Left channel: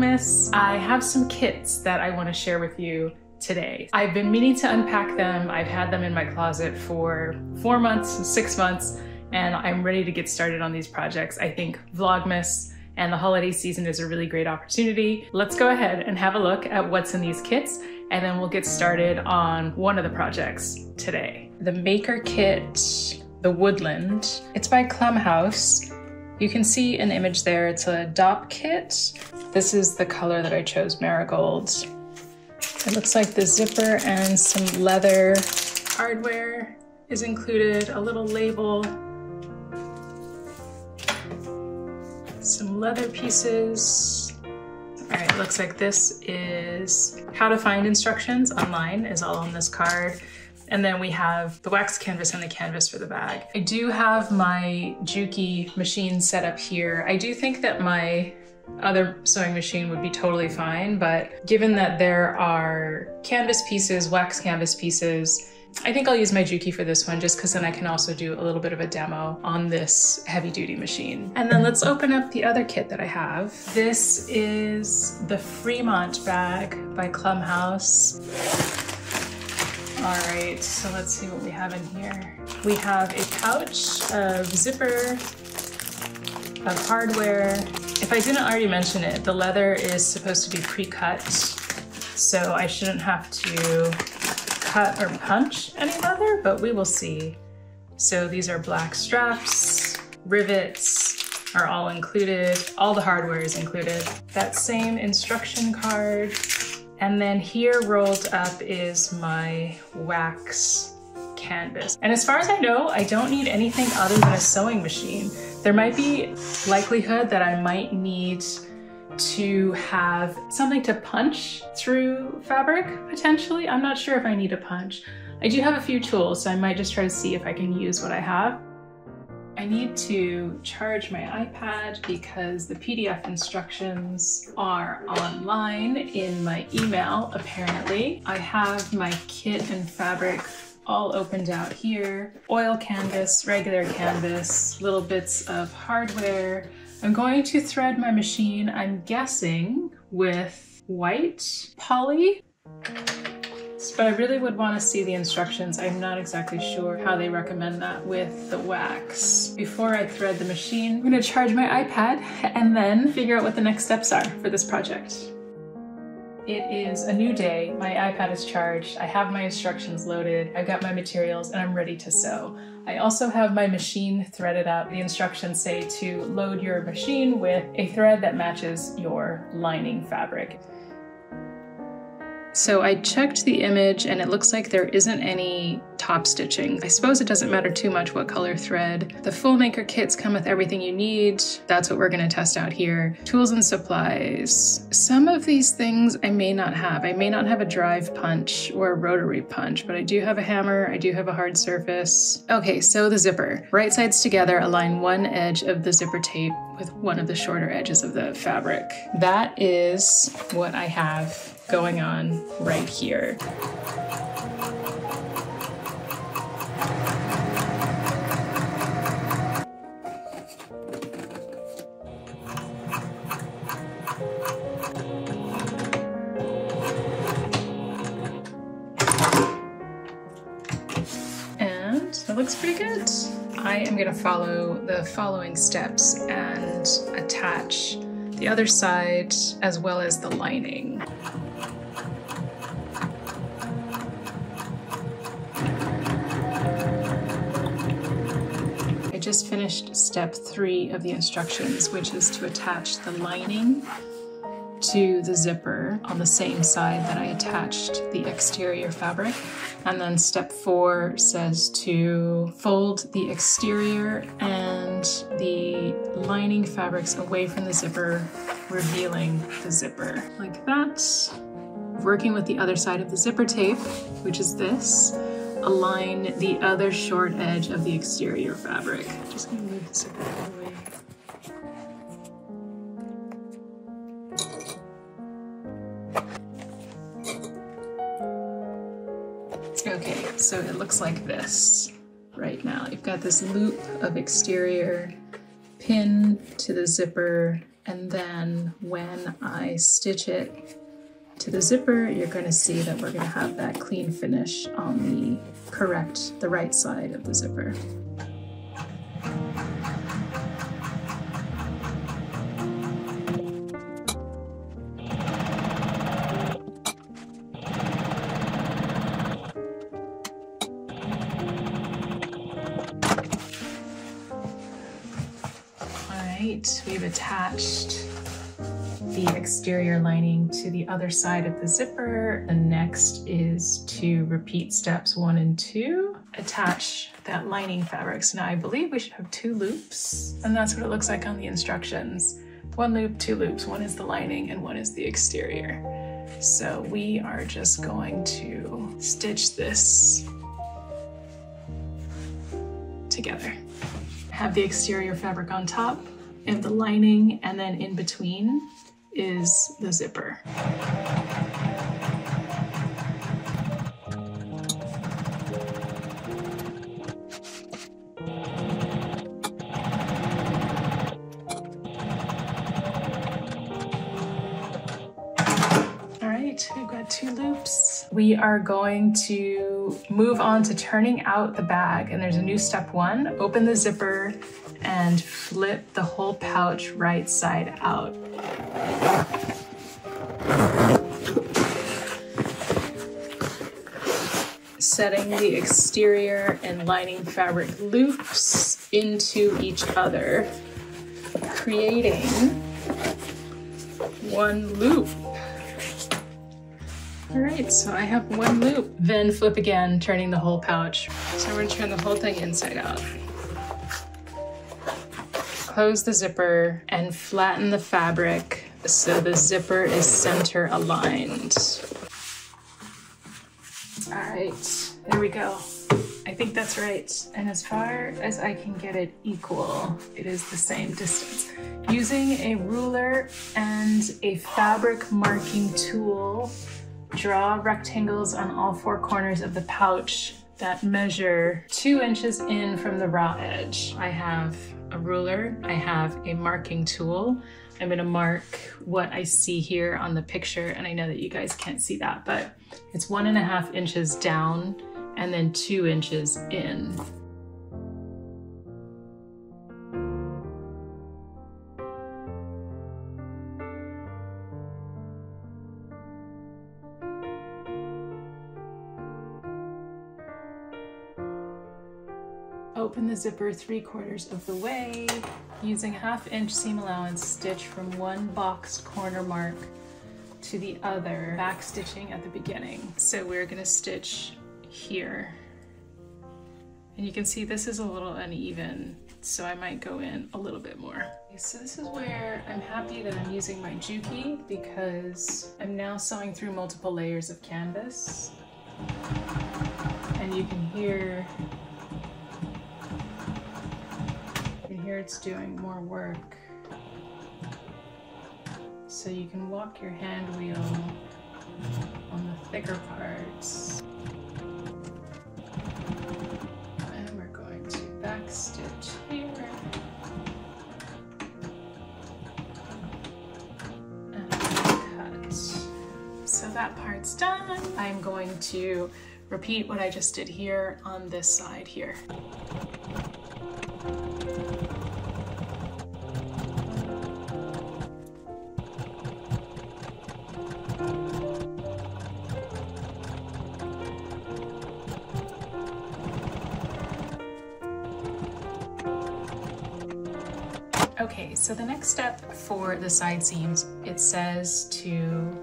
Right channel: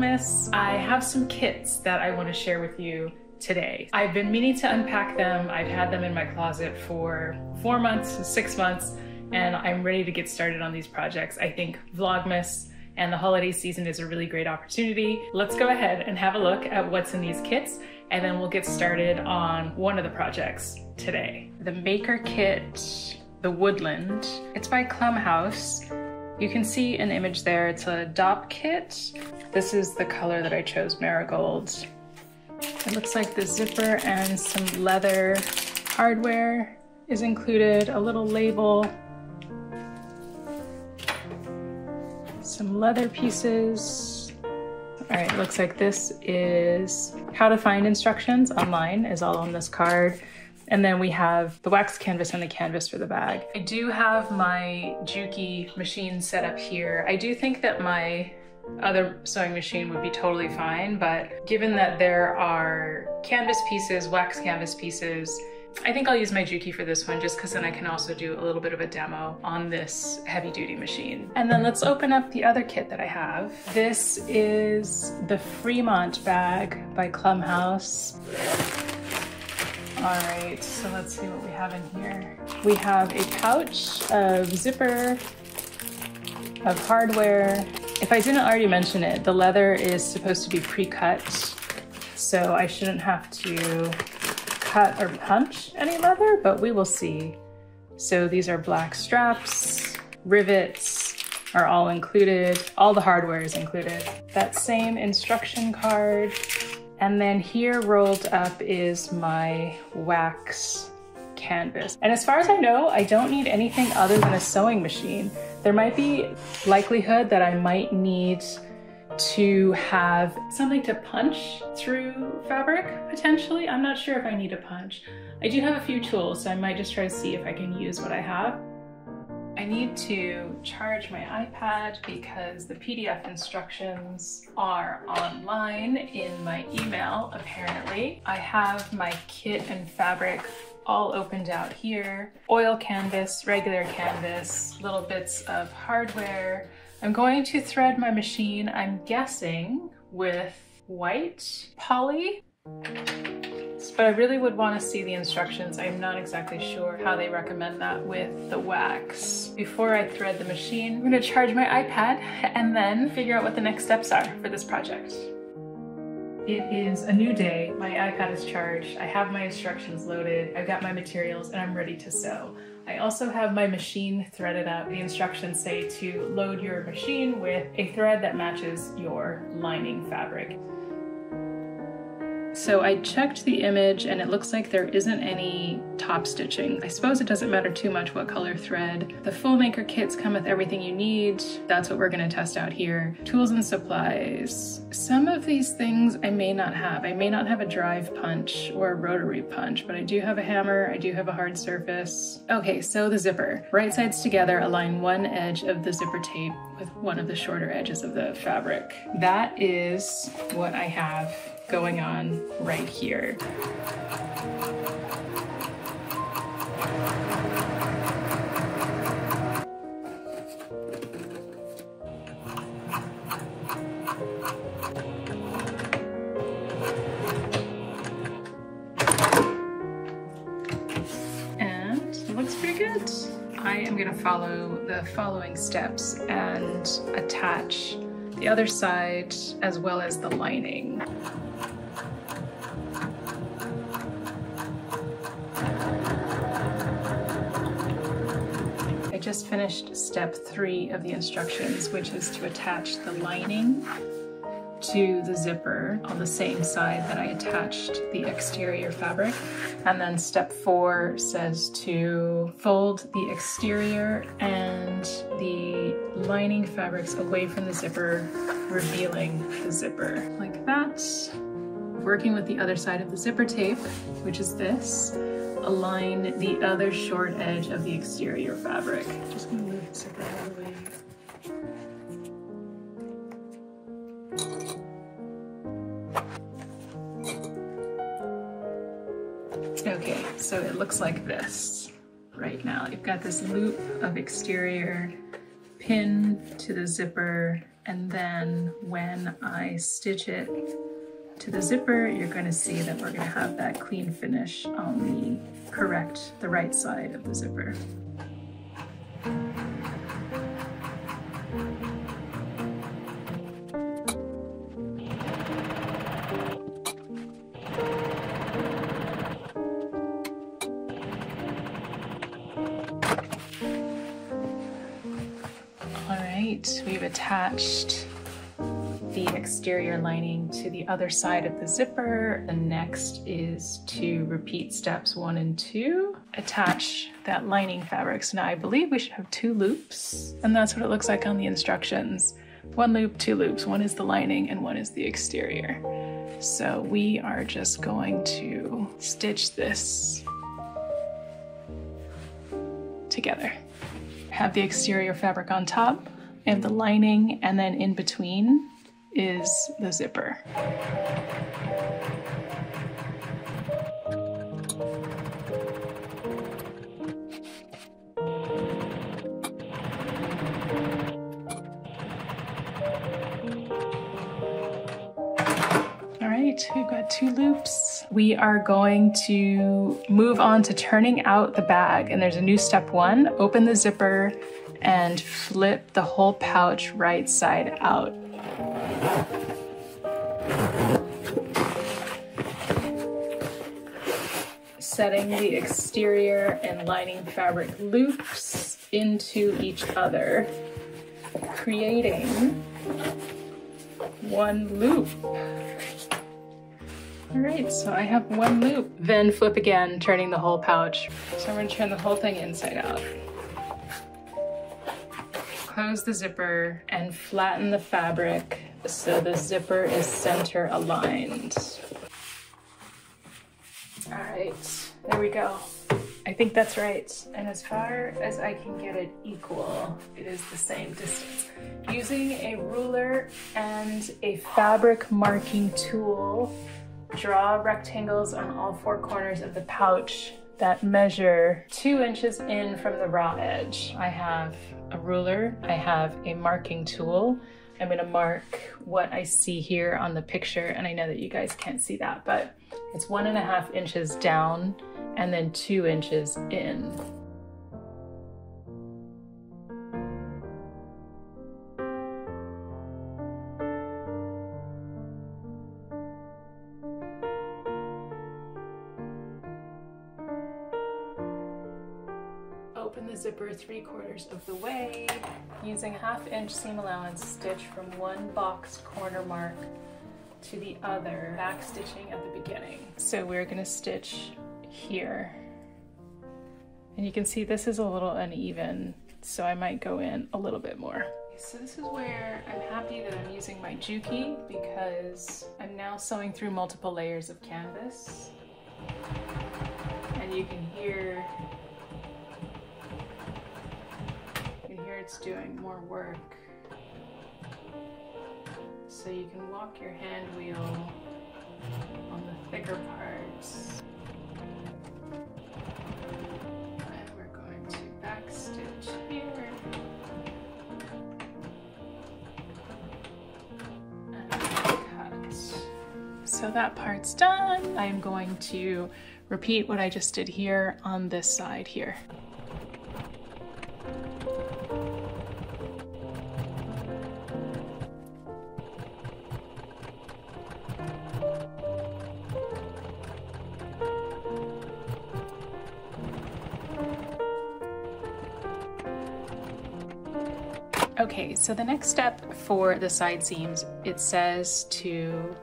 Vlogmas. I have some kits that I want to share with you today. I've been meaning to unpack them. I've had them in my closet for 4 months, 6 months, and I'm ready to get started on these projects. I think Vlogmas and the holiday season is a really great opportunity. Let's go ahead and have a look at what's in these kits, and then we'll get started on one of the projects today. The Maker Kit, the Woodland. It's by Klum House. You can see an image there. It's a Dopp Kit. This is the color that I chose, Marigold. It looks like the zipper and some leather hardware is included, a little label, some leather pieces. All right, looks like this is how to find instructions online is all on this card. And then we have the wax canvas and the canvas for the bag. I do have my Juki machine set up here. I do think that my other sewing machine would be totally fine, but given that there are canvas pieces, wax canvas pieces, I think I'll use my Juki for this one just because then I can also do a little bit of a demo on this heavy duty machine. And then let's open up the other kit that I have. This is the Fremont bag by Klum House. All right, so let's see what we have in here. We have a pouch of zipper, of hardware. If I didn't already mention it, the leather is supposed to be pre-cut, so I shouldn't have to cut or punch any leather, but we will see. So these are black straps, rivets are all included, all the hardware is included. That same instruction card. And then here rolled up is my wax canvas. And as far as I know, I don't need anything other than a sewing machine. There might be likelihood that I might need to have something to punch through fabric, potentially. I'm not sure if I need a punch. I do have a few tools, so I might just try to see if I can use what I have. I need to charge my iPad because the PDF instructions are online in my email, apparently. I have my kit and fabric all opened out here. Oil canvas, regular canvas, little bits of hardware. I'm going to thread my machine, I'm guessing, with white poly. But I really would want to see the instructions. I'm not exactly sure how they recommend that with the wax. Before I thread the machine, I'm going to charge my iPad and then figure out what the next steps are for this project. It is a new day. My iPad is charged. I have my instructions loaded. I've got my materials and I'm ready to sew. I also have my machine threaded up. The instructions say to load your machine with a thread that matches your lining fabric. So I checked the image and it looks like there isn't any top stitching. I suppose it doesn't matter too much what color thread. The full maker kits come with everything you need. That's what we're gonna test out here. Tools and supplies. Some of these things I may not have. I may not have a drive punch or a rotary punch, but I do have a hammer, I do have a hard surface. Okay, so the zipper. Right sides together, align one edge of the zipper tape with one of the shorter edges of the fabric. That is what I have going on right here. And it looks pretty good. I am gonna follow the following steps and attach the other side as well as the lining. I just finished step 3 of the instructions, which is to attach the lining to the zipper on the same side that I attached the exterior fabric. And then step 4 says to fold the exterior and the lining fabrics away from the zipper, revealing the zipper like that. Working with the other side of the zipper tape, which is this, align the other short edge of the exterior fabric. Just gonna move the zipper out of the way. Okay, so it looks like this right now. You've got this loop of exterior, pin to the zipper, And then when I stitch it to the zipper, you're going to see that we're going to have that clean finish on the right side of the zipper. We've attached the exterior lining to the other side of the zipper. The next is to repeat steps 1 and 2. Attach that lining fabric. So now I believe we should have 2 loops, and that's what it looks like on the instructions. 1 loop, 2 loops. 1 is the lining and 1 is the exterior. So we are just going to stitch this together. Have the exterior fabric on top and the lining, and then in between is the zipper. We've got 2 loops. We are going to move on to turning out the bag, and there's a new step 1. Open the zipper and flip the whole pouch right side out. Setting the exterior and lining fabric loops into each other, creating 1 loop. All right, so I have 1 loop. Then flip again, turning the whole pouch. So we're gonna turn the whole thing inside out. Close the zipper and flatten the fabric so the zipper is center aligned. All right, there we go. I think that's right. And as far as I can get it equal, it is the same distance. Using a ruler and a fabric marking tool, draw rectangles on all 4 corners of the pouch that measure 2 inches in from the raw edge. I have a ruler, I have a marking tool. I'm gonna mark what I see here on the picture, and I know that you guys can't see that, but it's 1.5 inches down and then 2 inches in. Open the zipper 3/4 of the way, using a 1/2 inch seam allowance, stitch from 1 boxed corner mark to the other, back stitching at the beginning. So we're gonna stitch here. And you can see this is a little uneven, so I might go in a little bit more. So this is where I'm happy that I'm using my Juki, because I'm now sewing through multiple layers of canvas. And you can hear it's doing more work. So you can walk your hand wheel on the thicker parts. And we're going to back stitch here. And cut. So that part's done. I'm going to repeat what I just did here on this side here. Okay, so the next step for the side seams, it says to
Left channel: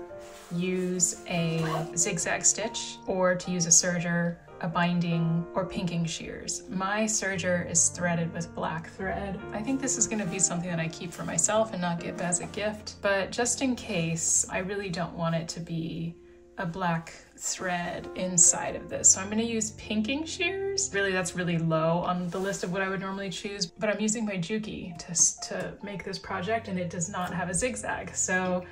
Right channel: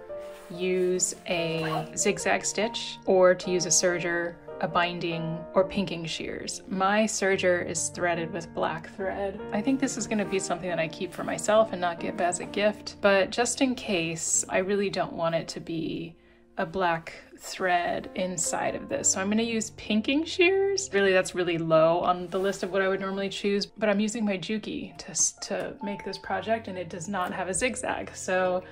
use a zigzag stitch or to use a serger, a binding, or pinking shears. My serger is threaded with black thread. I think this is going to be something that I keep for myself and not give as a gift, but just in case, I really don't want it to be a black thread inside of this. So I'm going to use pinking shears. Really, that's really low on the list of what I would normally choose, but I'm using my Juki to make this project, and it does not have a zigzag. So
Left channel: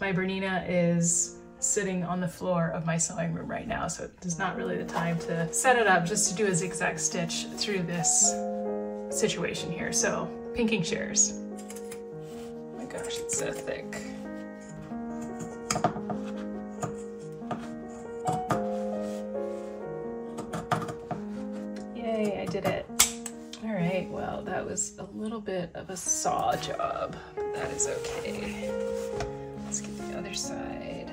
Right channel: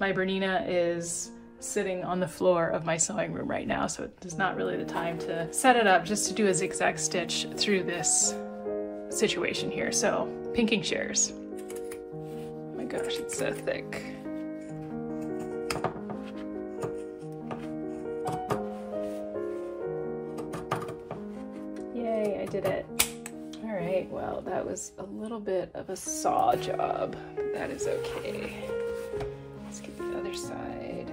my Bernina is sitting on the floor of my sewing room right now, so it is not really the time to set it up just to do a zigzag stitch through this situation here. So pinking shears. I'm gonna gosh, it's so thick. Yay, I did it. All right, well, that was a little bit of a saw job, but that is okay. Let's get the other side.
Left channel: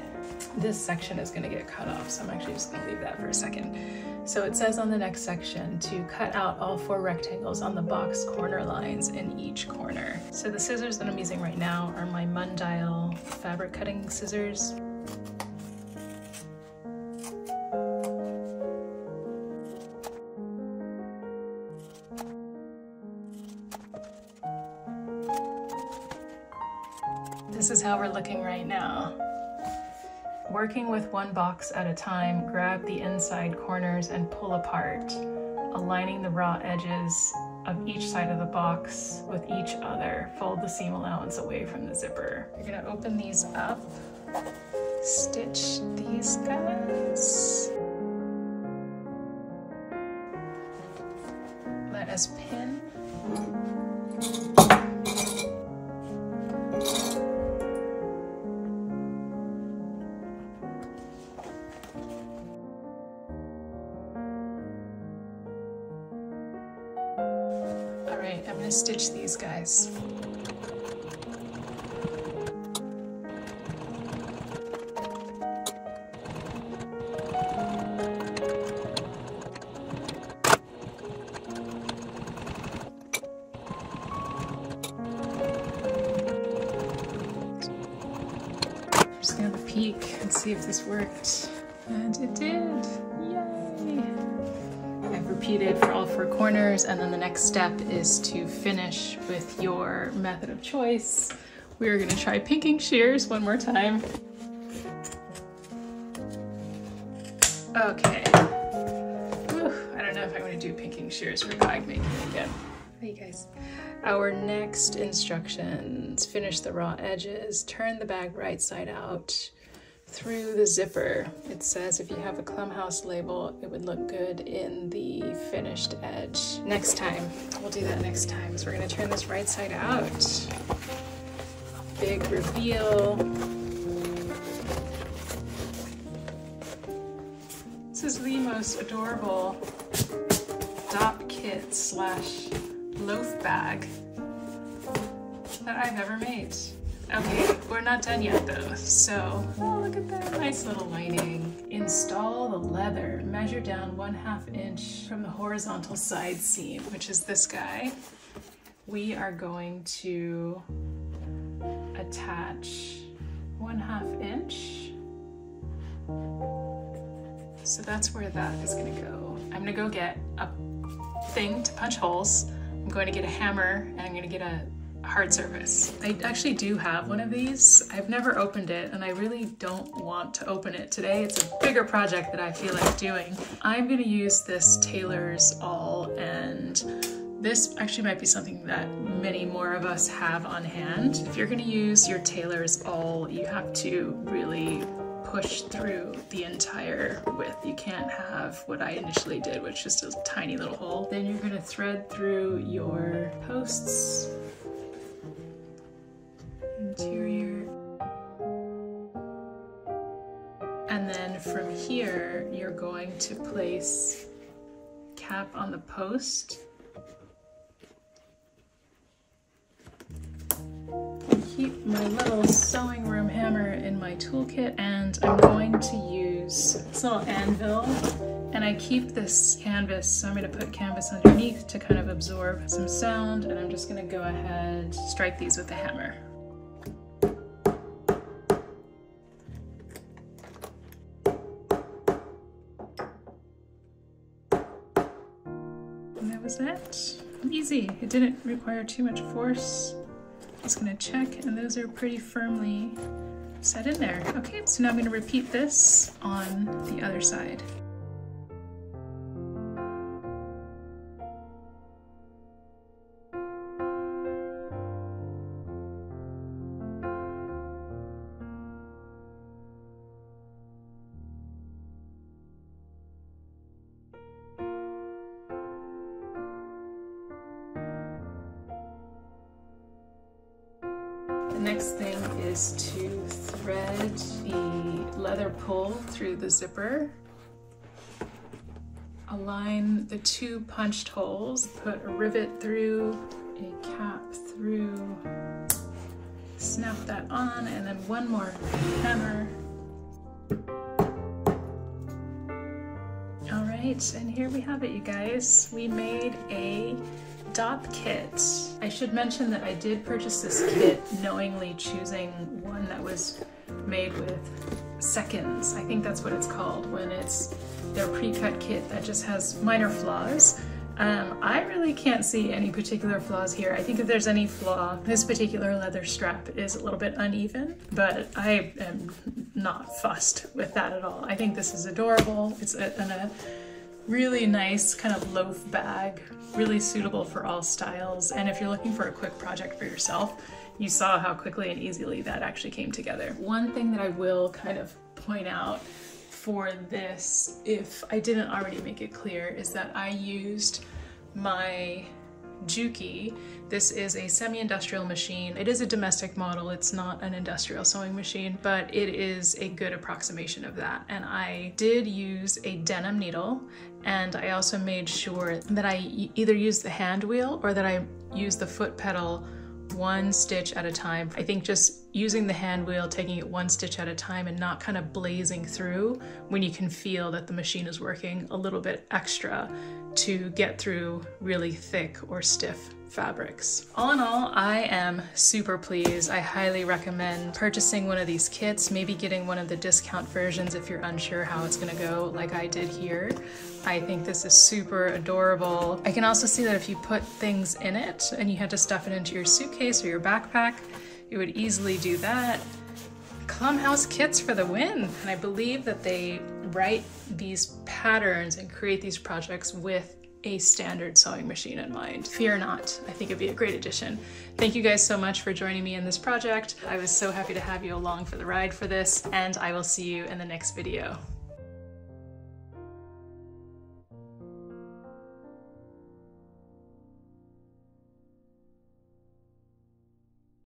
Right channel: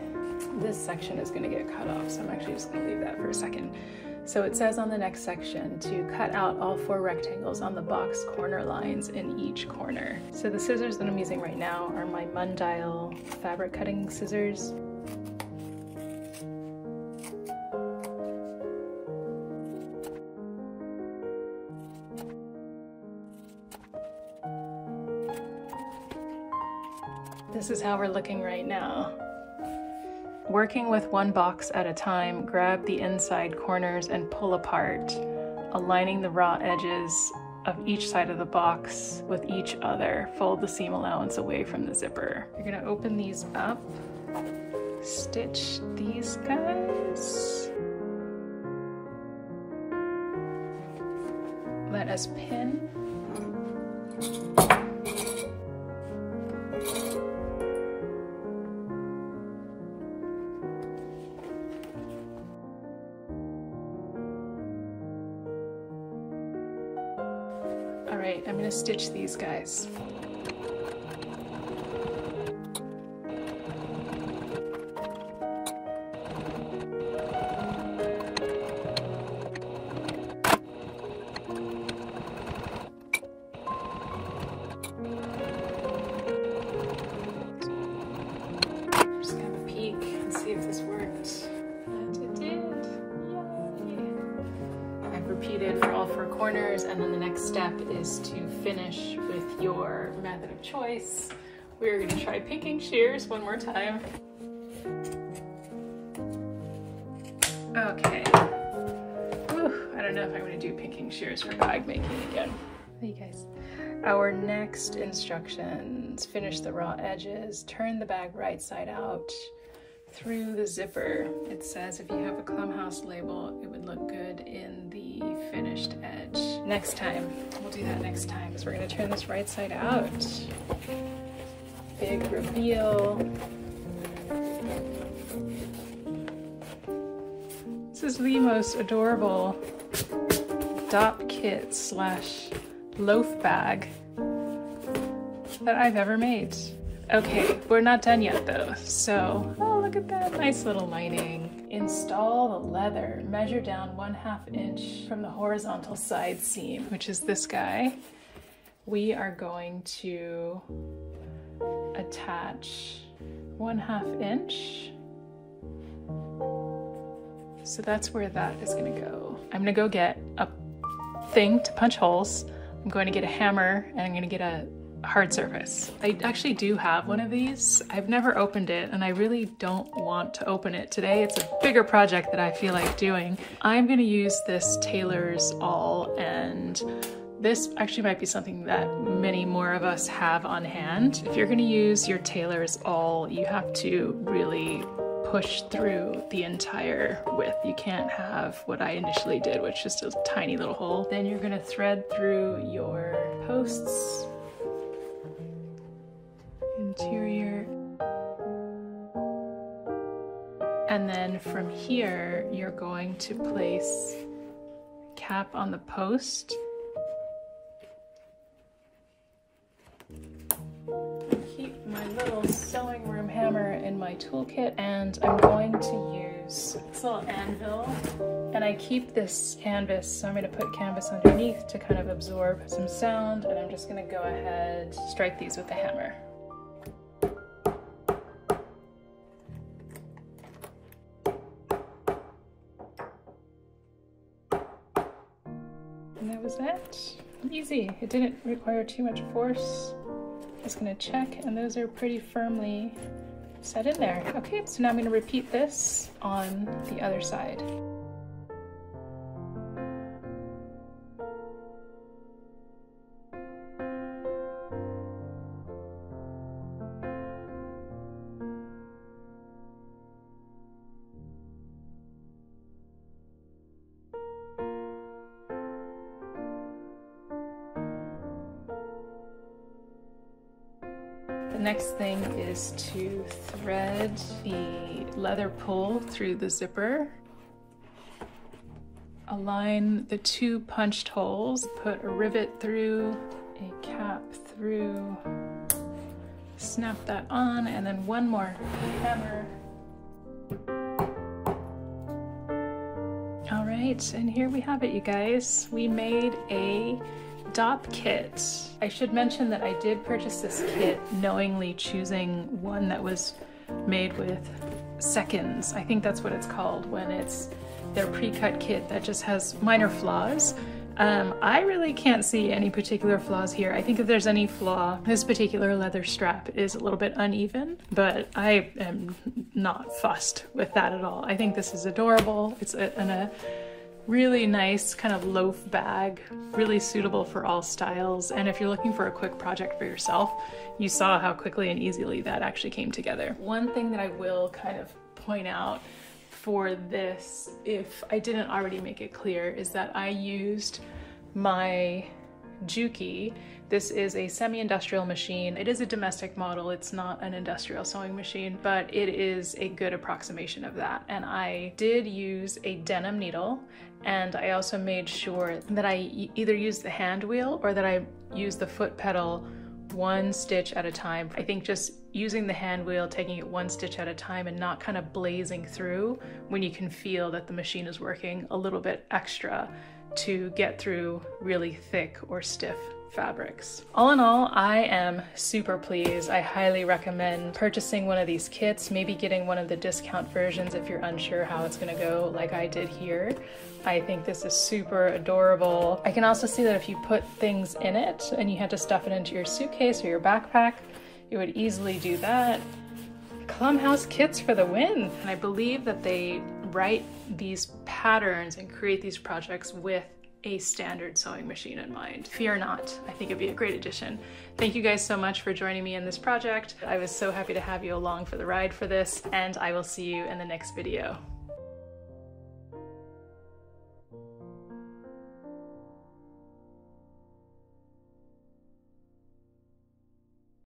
This section is gonna get cut off, so I'm actually just gonna leave that for a second. So it says on the next section to cut out all 4 rectangles on the box corner lines in each corner. So the scissors that I'm using right now are my Mundial fabric cutting scissors. This is how we're looking right now. Working with one box at a time, grab the inside corners and pull apart, aligning the raw edges of each side of the box with each other. Fold the seam allowance away from the zipper. You're gonna open these up, stitch these guys. Let us pin. Alright, I'm gonna stitch these guys. I'm just gonna have a peek and see if this worked. And it did! Yay! I've repeated for all 4 corners, and then the next step is to finish with your method of choice. We're gonna try pinking shears one more time. Okay. Whew, I don't know if I want to do pinking shears for bag making again. Hey guys. Our next instructions: finish the raw edges, turn the bag right side out through the zipper. It says if you have a Klum House label, it would look good in the finished edge. Next time, we'll do that next time, is we're gonna turn this right side out. Big reveal. This is the most adorable Dopp Kit slash loaf bag that I've ever made. Okay, we're not done yet though, so, oh, look at that nice little lining. Install the leather. Measure down 1/2 inch from the horizontal side seam, which is this guy. We are going to attach 1/2 inch. So that's where that is gonna go. I'm gonna go get a thing to punch holes. I'm going to get a hammer, and I'm gonna get a hard surface. I actually do have one of these. I've never opened it, and I really don't want to open it today. It's a bigger project that I feel like doing. I'm gonna use this Tailor's All, and this actually might be something that many more of us have on hand. If you're gonna use your Tailor's All, you have to really push through the entire width. You can't have what I initially did, which is just a tiny little hole. Then you're gonna thread through your posts, interior, and then from here you're going to place cap on the post. Keep my little sewing room hammer in my toolkit, and I'm going to use this little anvil, and I keep this canvas, so I'm going to put canvas underneath to kind of absorb some sound, and I'm just going to go ahead, strike these with the hammer. And that was that. Easy. It didn't require too much force. Just gonna check, and those are pretty firmly set in there. Okay, so now I'm gonna repeat this on the other side. Next thing is to thread the leather pull through the zipper. Align the 2 punched holes, put a rivet through, a cap through, snap that on, and then one more hammer. All right, and here we have it, you guys. We made a Dopp kit. I should mention that I did purchase this kit knowingly choosing one that was made with seconds. I think that's what it's called when it's their pre-cut kit that just has minor flaws. I really can't see any particular flaws here. I think if there's any flaw, this particular leather strap is a little bit uneven, but I am not fussed with that at all. I think this is adorable. It's in a really nice kind of loaf bag, really suitable for all styles. And if you're looking for a quick project for yourself, you saw how quickly and easily that actually came together. One thing that I will kind of point out for this, if I didn't already make it clear, is that I used my Juki. This is a semi-industrial machine. It is a domestic model. It's not an industrial sewing machine, but it is a good approximation of that. And I did use a denim needle, and I also made sure that I either used the hand wheel or that I used the foot pedal 1 stitch at a time. I think just using the hand wheel, taking it 1 stitch at a time and not kind of blazing through when you can feel that the machine is working a little bit extra to get through really thick or stiff fabrics. All in all, I am super pleased. I highly recommend purchasing one of these kits, maybe getting one of the discount versions if you're unsure how it's gonna go, like I did here. I think this is super adorable. I can also see that if you put things in it and you had to stuff it into your suitcase or your backpack, it would easily do that. Klum House kits for the win. And I believe that they write these patterns and create these projects with a standard sewing machine in mind. Fear not, I think it'd be a great addition. Thank you guys so much for joining me in this project. I was so happy to have you along for the ride for this, and I will see you in the next video.